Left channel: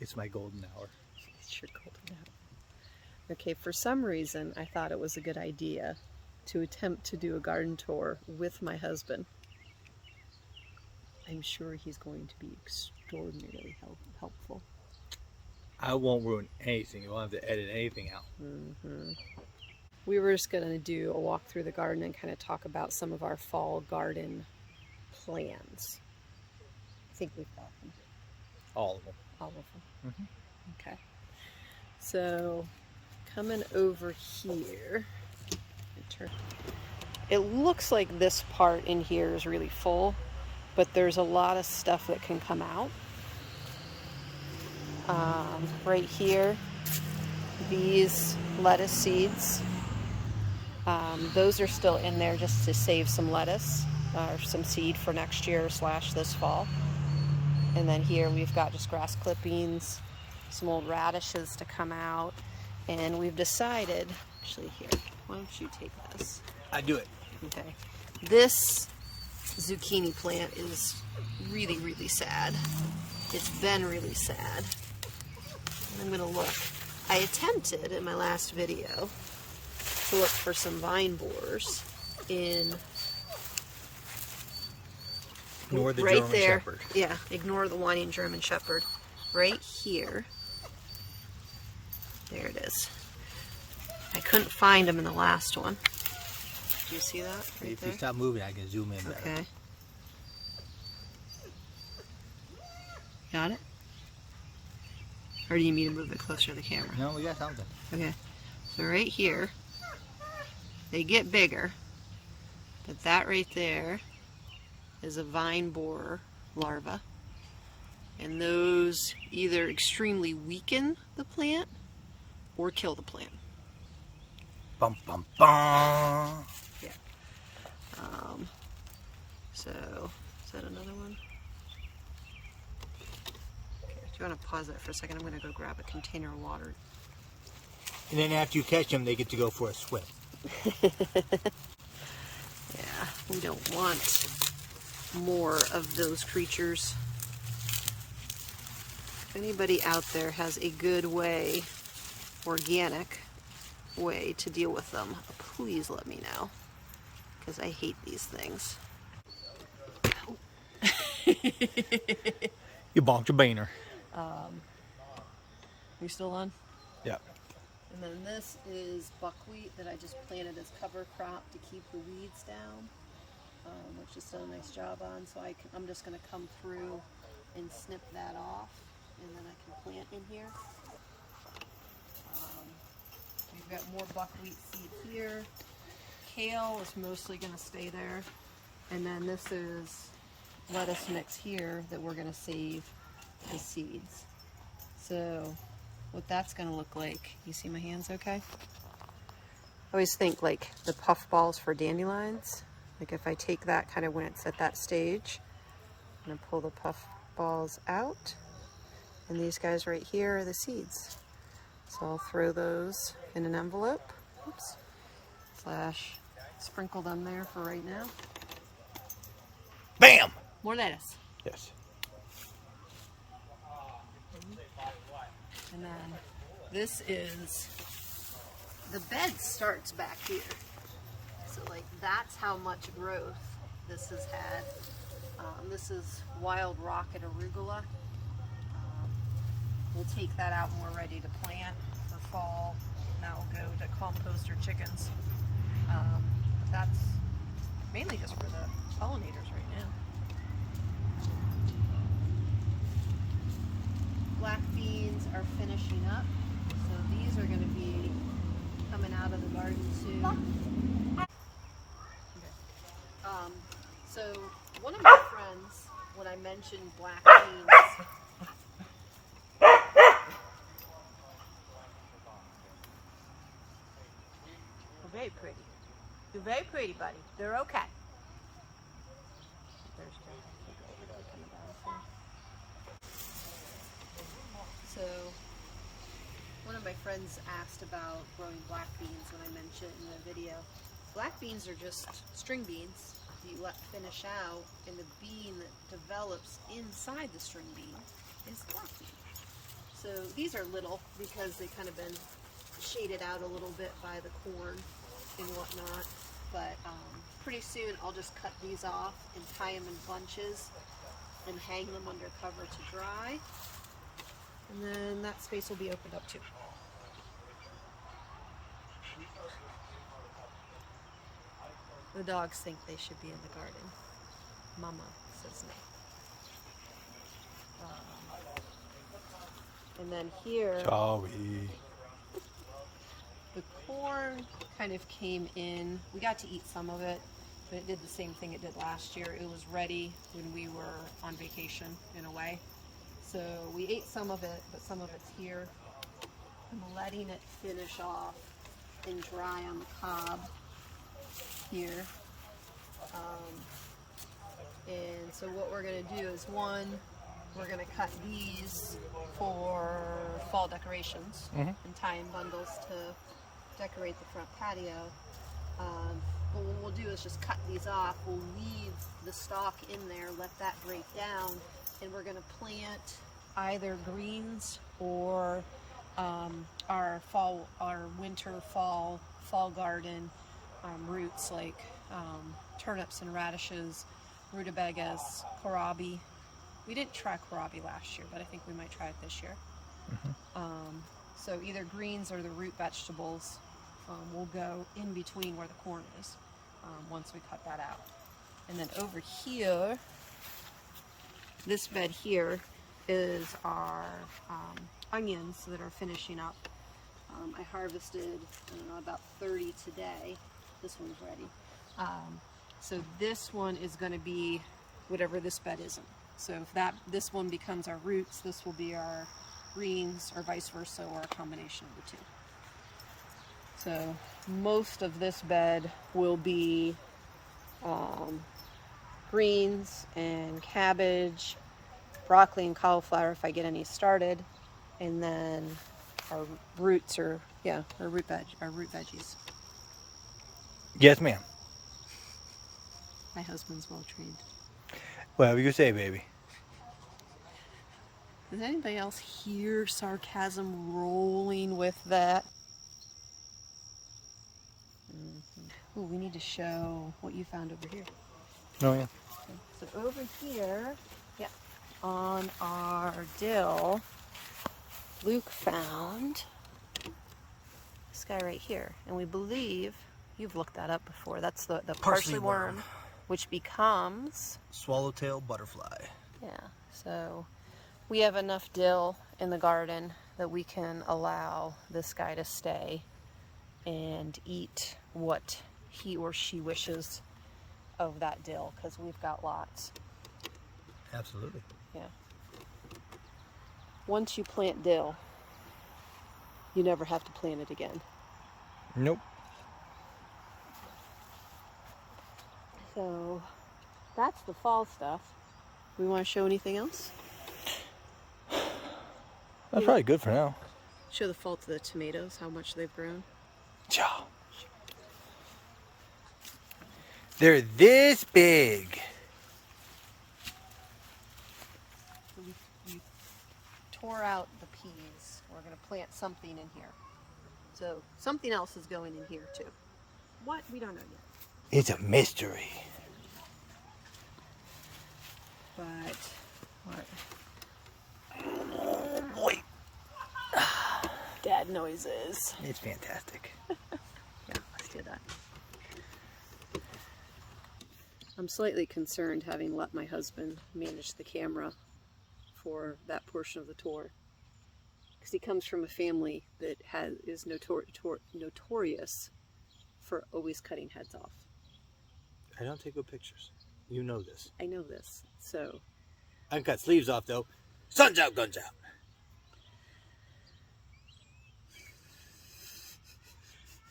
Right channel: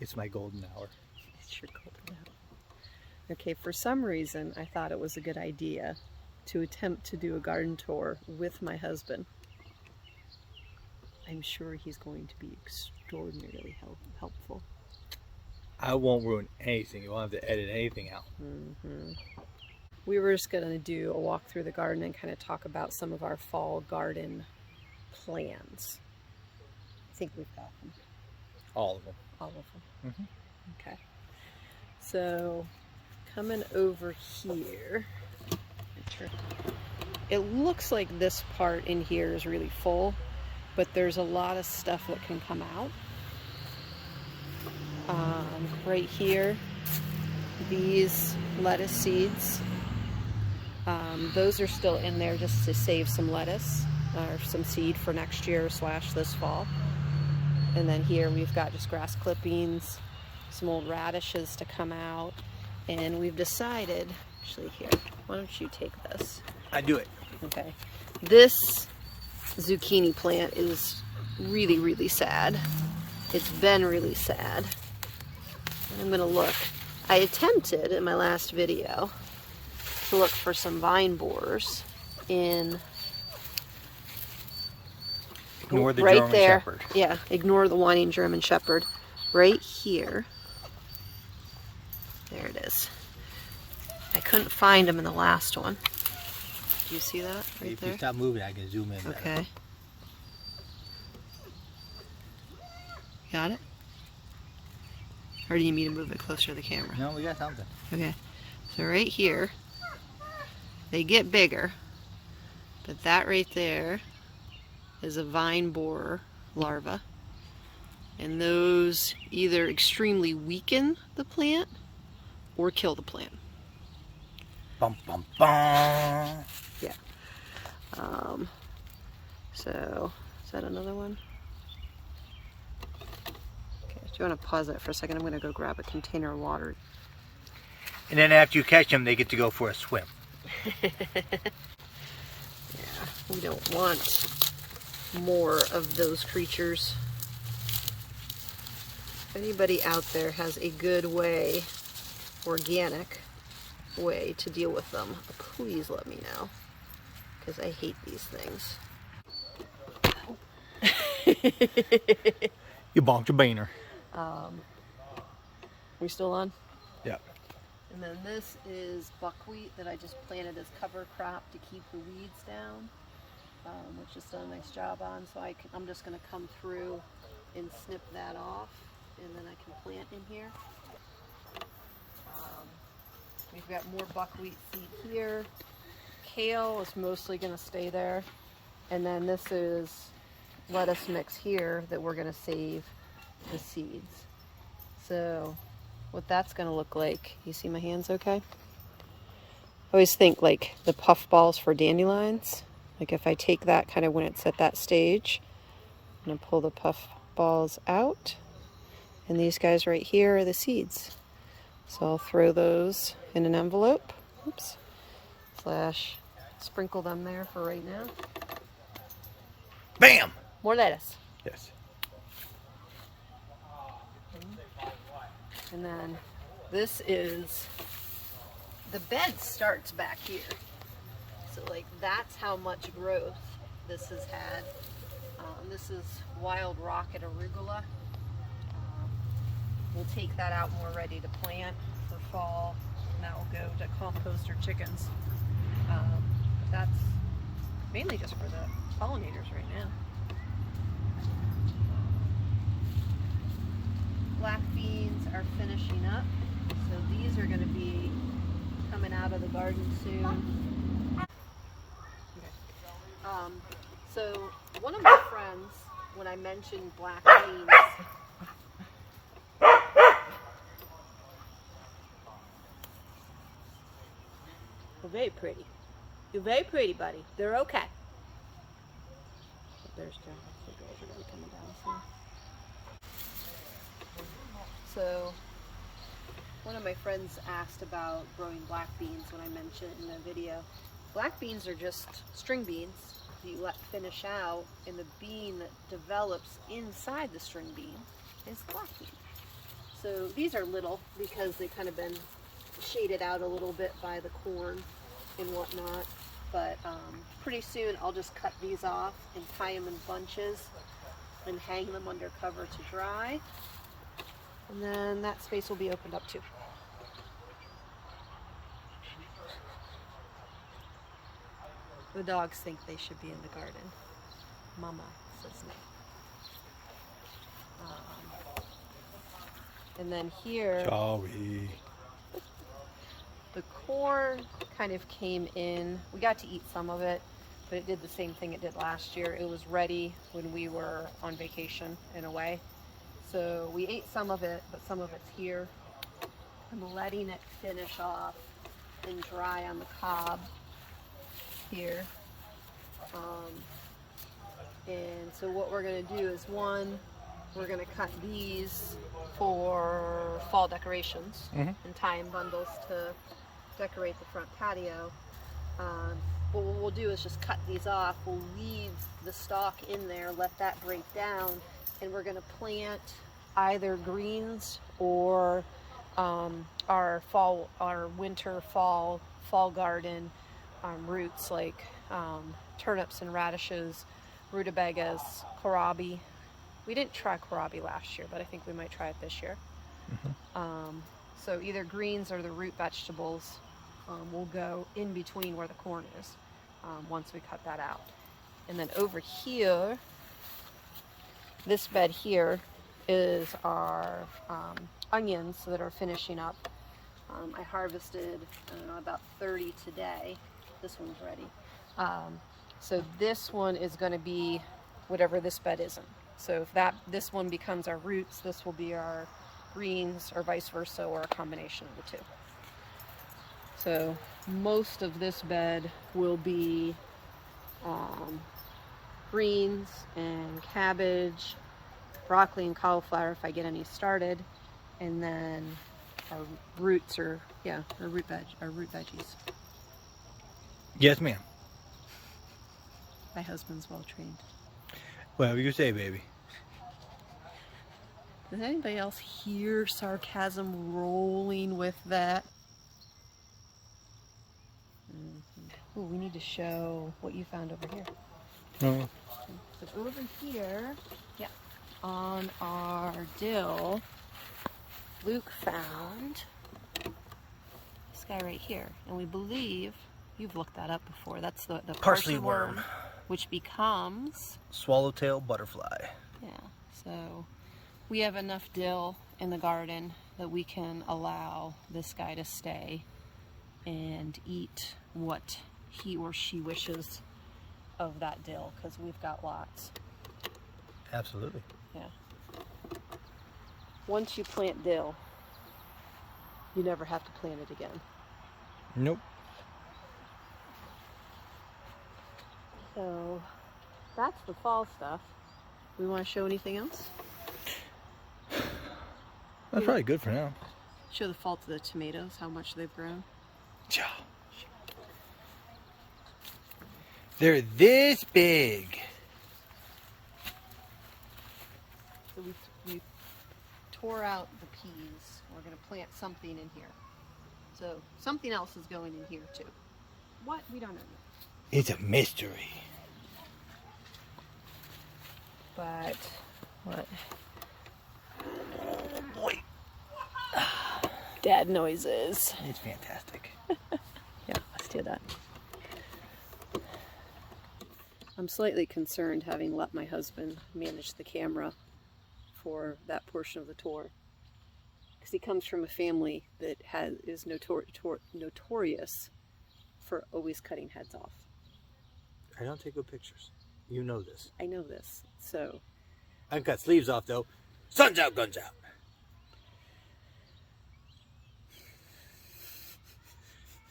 It's my golden hour. It's your golden hour. Okay, for some reason, I thought it was a good idea to attempt to do a garden tour with my husband. I'm sure he's going to be extraordinarily helpful. I won't ruin anything. You won't have to edit anything out. We were just going to do a walk through the garden and kind of talk about some of our fall garden plans. I think we've got them. All of them. All of them. Okay. So, coming over here, it looks like this part in here is really full, but there's a lot of stuff that can come out. Right here, these lettuce seeds, those are still in there just to save some lettuce or some seed for next year / this fall. And then here we've got just grass clippings, some old radishes to come out, and we've decided, actually here, why don't you take this? I do it. Okay. This zucchini plant is really, really sad. It's been really sad. I'm going to look. I attempted in my last video to look for some vine borers in Ignore the right German there. Shepherd. Yeah, ignore the whining German Shepherd. Right here. There it is. I couldn't find them in the last one. Do you see that? Right If there? you stop moving, I can zoom in better. Okay. Got it? Or do you need me to move it closer to the camera? No, we got something. Okay. So right here, they get bigger, but that right there is a vine borer larva. And those either extremely weaken the plant or kill the plant. Bum, bum, bum. Yeah. So, is that another one? Okay, do you want to pause it for a second? I'm going to go grab a container of water. And then after you catch them, they get to go for a swim. Yeah, we don't want more of those creatures. If anybody out there has a good way, organic way to deal with them, please let me know, because I hate these things. You bonked your beaner. We still on? Yeah. And then this is buckwheat that I just planted as cover crop to keep the weeds down, which it's done a nice job on. So I'm just going to come through and snip that off, and then I can plant in here. We've got more buckwheat seed here. Kale is mostly going to stay there. And then this is lettuce mix here that we're going to save the seeds. So what that's going to look like, you see my hands okay? I always think like the puff balls for dandelions. Like if I take that kind of when it's at that stage, I'm going to pull the puff balls out. And these guys right here are the seeds. So I'll throw those in an envelope. Oops. / sprinkle them there for right now. Bam! More lettuce. Yes. And then this is, the bed starts back here. So like that's how much growth this has had. This is wild rocket arugula. We'll take that out more ready to plant for fall. And that will go to compost or chickens. But that's mainly just for the pollinators right now. Black beans are finishing up. So these are going to be coming out of the garden soon. Okay. So one of my friends, when I mentioned black beans, they're very pretty. They're very pretty, buddy. They're okay. There's coming down soon. So one of my friends asked about growing black beans when I mentioned in the video. Black beans are just string beans that you let finish out, and the bean that develops inside the string bean is the black bean. So these are little because they kind of been shaded out a little bit by the corn and whatnot. But pretty soon I'll just cut these off and tie them in bunches and hang them under cover to dry. And then that space will be opened up too. The dogs think they should be in the garden. Mama says no. And then here, Sorry. the corn kind of came in. We got to eat some of it, but it did the same thing it did last year. It was ready when we were on vacation in a way. So we ate some of it, but some of it's here. I'm letting it finish off and dry on the cob here. And so what we're going to do is, one, we're going to cut these for fall decorations and tie in bundles to decorate the front patio. But what we'll do is just cut these off. We'll leave the stalk in there, let that break down, and we're going to plant either greens or our winter fall garden roots, like turnips and radishes, rutabagas, kohlrabi. We didn't try kohlrabi last year, but I think we might try it this year. So either greens or the root vegetables will go in between where the corn is once we cut that out. And then over here, this bed here is our onions that are finishing up. I harvested, I don't know, about 30 today. This one's ready. So this one is going to be whatever this bed isn't. So if this one becomes our roots, this will be our greens, or vice versa, or a combination of the two. So most of this bed will be greens and cabbage, broccoli and cauliflower if I get any started, and then our roots are, our root veggies. Yes, ma'am. My husband's well trained. Whatever you say, baby. Does anybody else hear sarcasm rolling with that? Ooh, we need to show what you found over here. Oh, yeah. So over here, on our dill, Luke found this guy right here. And we believe, you've looked that up before, that's the parsley worm, which becomes swallowtail butterfly. Yeah, so we have enough dill in the garden that we can allow this guy to stay and eat what he or she wishes of that dill, because we've got lots. Absolutely. Yeah. Once you plant dill, you never have to plant it again. Nope. So that's the fall stuff. We want to show anything else? That's probably good for now. Show the fall to the tomatoes, how much they've grown. Yeah. They're this big. So we tore out the peas. We're going to plant something in here. So something else is going in here too. What? We don't know yet. It's a mystery. But Oh boy. dad noises. It's fantastic. Yeah, let's do that. I'm slightly concerned, having let my husband manage the camera for that portion of the tour, because he comes from a family that is notorious for always cutting heads off. I don't take good pictures. You know this. I know this, so I can cut sleeves off though. Sun's out, guns out.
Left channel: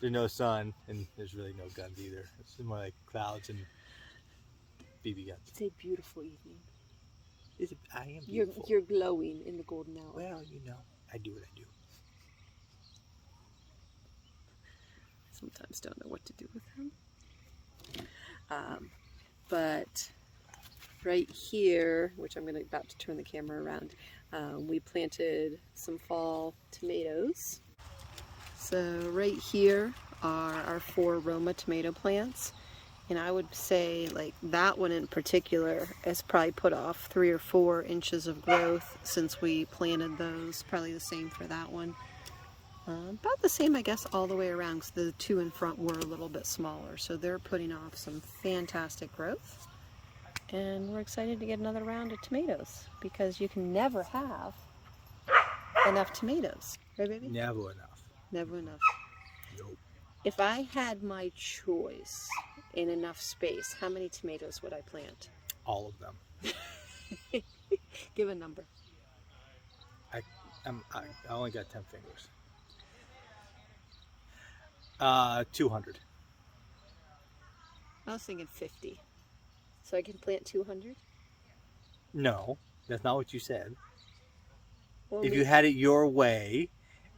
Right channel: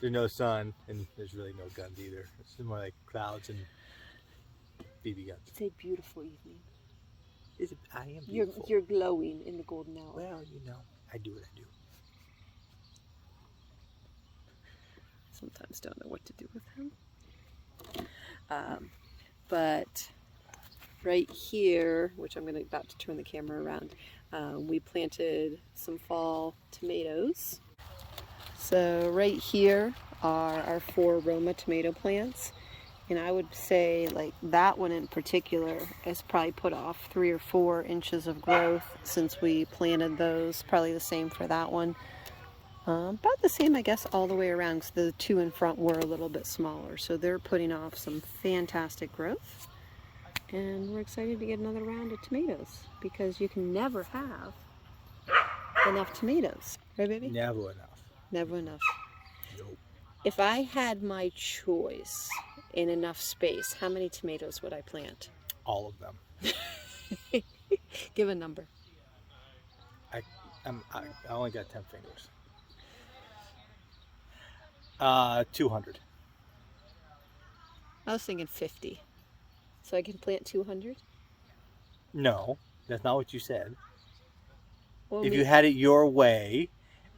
There's no sun, and there's really no guns either. It's more like clouds and BB guns. it's a beautiful evening. I am beautiful. You're glowing in the golden hour. Well, you know, I do what I do. Sometimes don't know what to do with him. But right here, which I'm about to turn the camera around, we planted some fall tomatoes. So right here are our 4 Roma tomato plants. And I would say like that one in particular has probably put off 3 or 4 inches of growth since we planted those. Probably the same for that one. About the same, I guess, all the way around, because the 2 in front were a little bit smaller. So they're putting off some fantastic growth. And we're excited to get another round of tomatoes, because you can never have enough tomatoes. Right, baby? Never enough. Never enough. Nope. If I had my choice in enough space, how many tomatoes would I plant? All of them. Give a number. I only got 10 fingers. 200. I was thinking 50. So I can plant 200? No, that's not what you said. Well, If you had it your way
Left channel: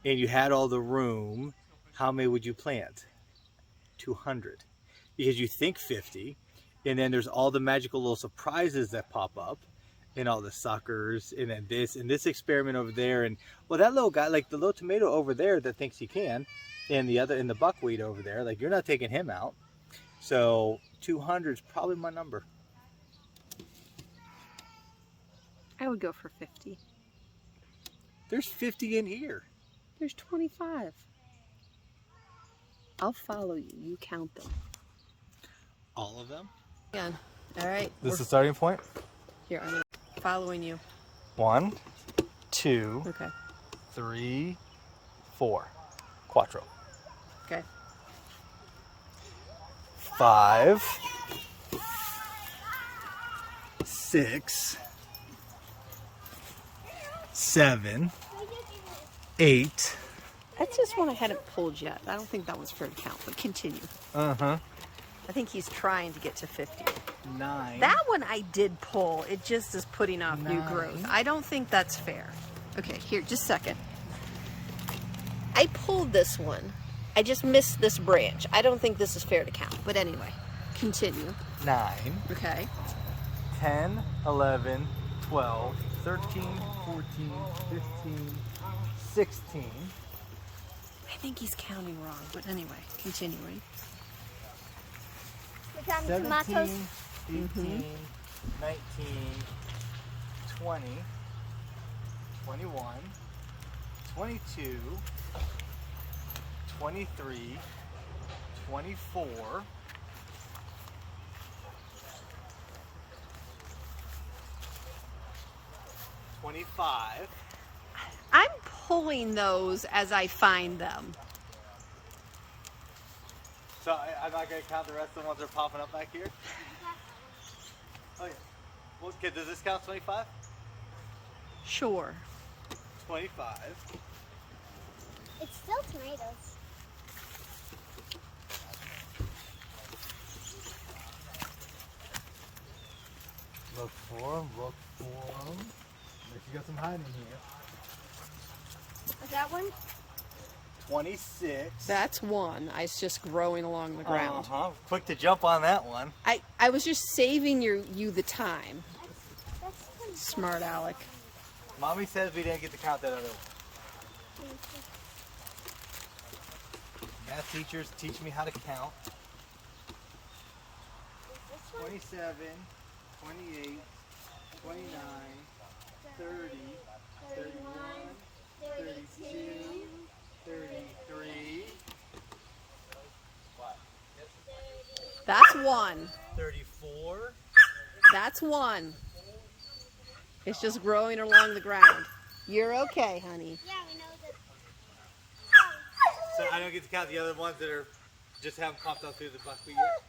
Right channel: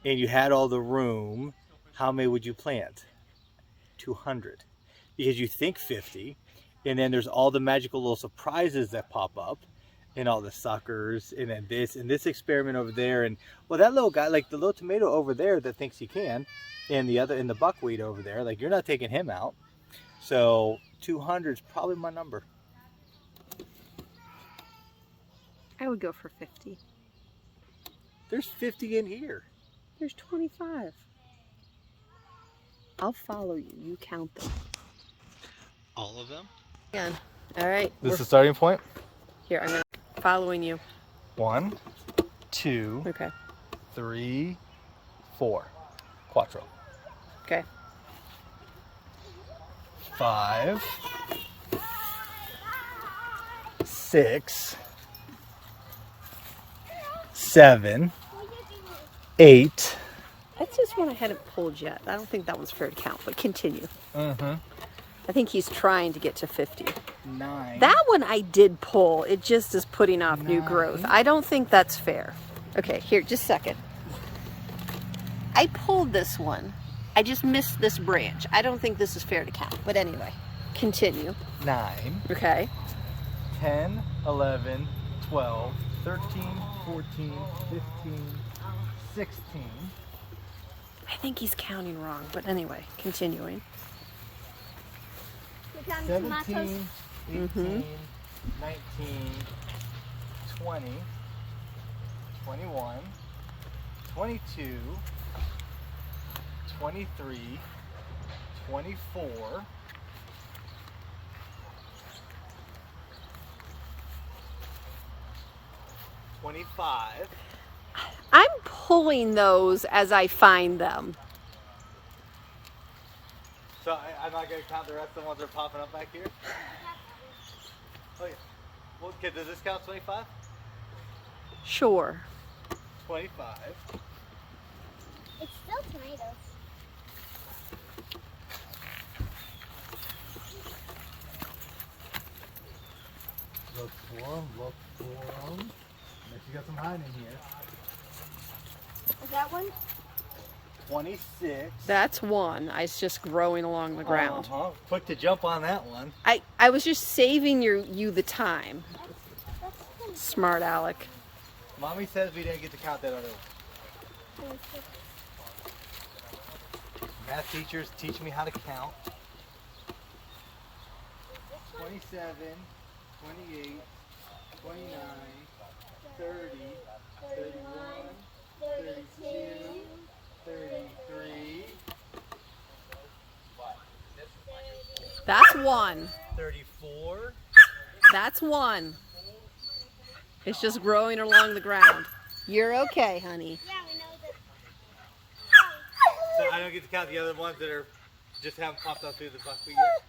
and you had all the room, how many would you plant? 200. Because you think 50, and then there's all the magical little surprises that pop up, and all the suckers, and then this experiment over there, and well, that little guy, like the little tomato over there that thinks he can, and the buckwheat over there, like you're not taking him out. So 200 is probably my number. I would go for 50. There's 50 in here. There's 25. I'll follow you. You count them. All of them? Again. All right. This is the starting point? Here, I'm following you. 1, 2, Okay. 3, 4. Quattro. Okay. 5, 6, 7, 8. That's just one I hadn't pulled yet. I don't think that one's fair to count, but continue. Uh-huh. I think he's trying to get to 50. 9. That one I did pull. It just is putting off new 9. growth. I don't think that's fair. Okay, here, just a second. I pulled this one. I just missed this branch. I don't think this is fair to count. But anyway, continue. 9. Okay. 10, 11, 12, 13, 14, 15, 16. I think he's counting wrong, but anyway, continuing. You're counting 17, tomatoes. 18, 19, 20, 21, 22, 23, 24, 25. I'm pulling those as I find them. So I'm not going to count the rest of the ones that are popping up back here? Oh yeah. Well, okay, does this count 25? Sure. 25. It's still tomatoes. Look for them, look for them. Unless you got some hiding here. Is that one? 26. That's one. It's just growing along the ground. Uh-huh. Quick to jump on that one. I was just saving you the time. That's Smart Alec. Mommy says we didn't get to count that other one. 26. Math teachers teach me how to count. This one? 27, 28, 29, 30, 31, 32, 33, That's one. 34. That's one. It's just growing along the ground. You're okay, honey. Yeah, we know that. So I don't get to count the other ones that are just haven't popped up through the buckwheat yet.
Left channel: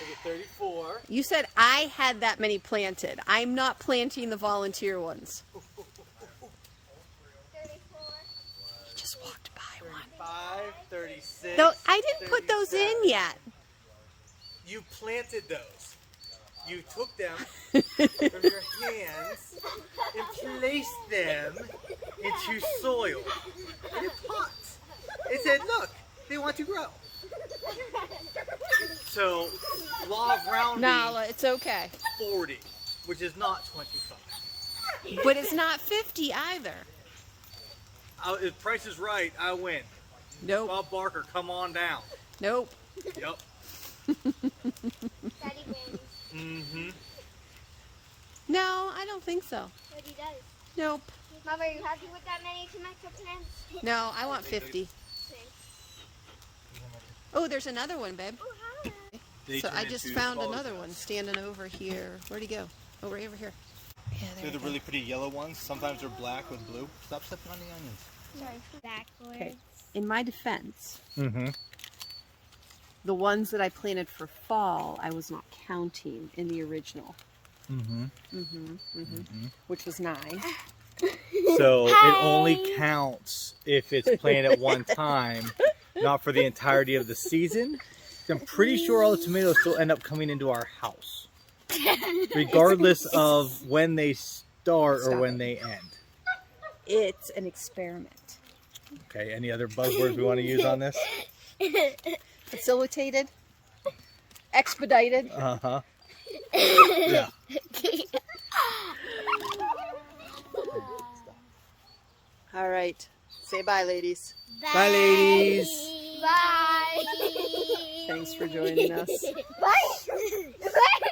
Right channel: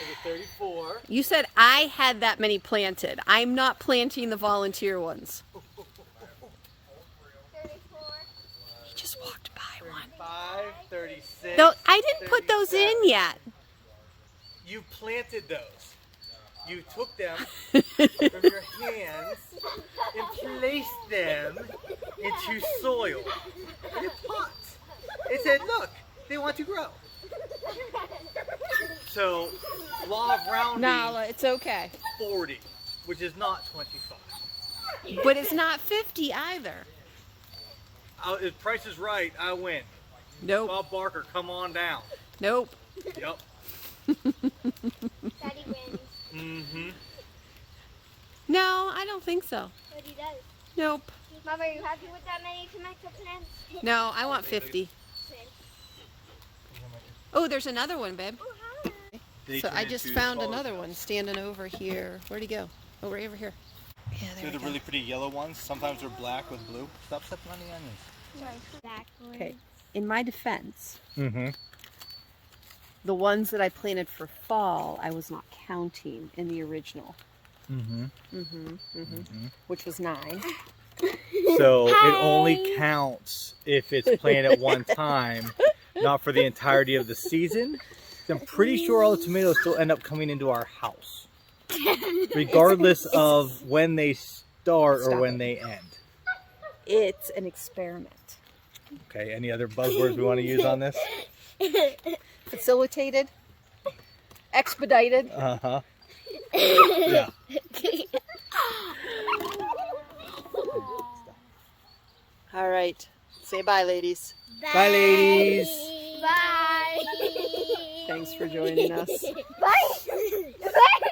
Okay, 34. You said I had that many planted. I'm not planting the volunteer ones. 34. He just walked by one. 35, 36. No, I didn't put those in 37. yet. You planted those. You took them from your hands and placed them into soil in a pot. It said, look, they want to grow. So, law of rounding, Nala, it's okay. 40. which is not 25. But it's not 50 either. If price is right, I win. Nope. Bob Barker, come on down. Nope. Yep. Daddy wins. Mm-hmm. No, I don't think so. But he does. Nope. Mom, are you happy with that many tomato plants? No, I want 50. Oh, there's another one, babe. Oh, hi. So I just found another one standing over here. Where'd he go? Oh, right over here. Yeah, there They're we the go. really pretty yellow ones. Sometimes they're black with blue. Stop stepping on the onions. Okay. In my defense, Mm-hmm. the ones that I planted for fall, I was not counting in the original. Mm-hmm. Which was 9. So it only counts if it's planted at one time, not for the entirety of the season. I'm pretty sure all the tomatoes still end up coming into our house, regardless of when they start or Stop when it. they end. It's an experiment. Okay, any other buzzwords we want to use on this? Facilitated, expedited. Uh-huh. Yeah. All right. Say bye, ladies. Bye, ladies. Bye. Thanks for joining us. Bye. Bye.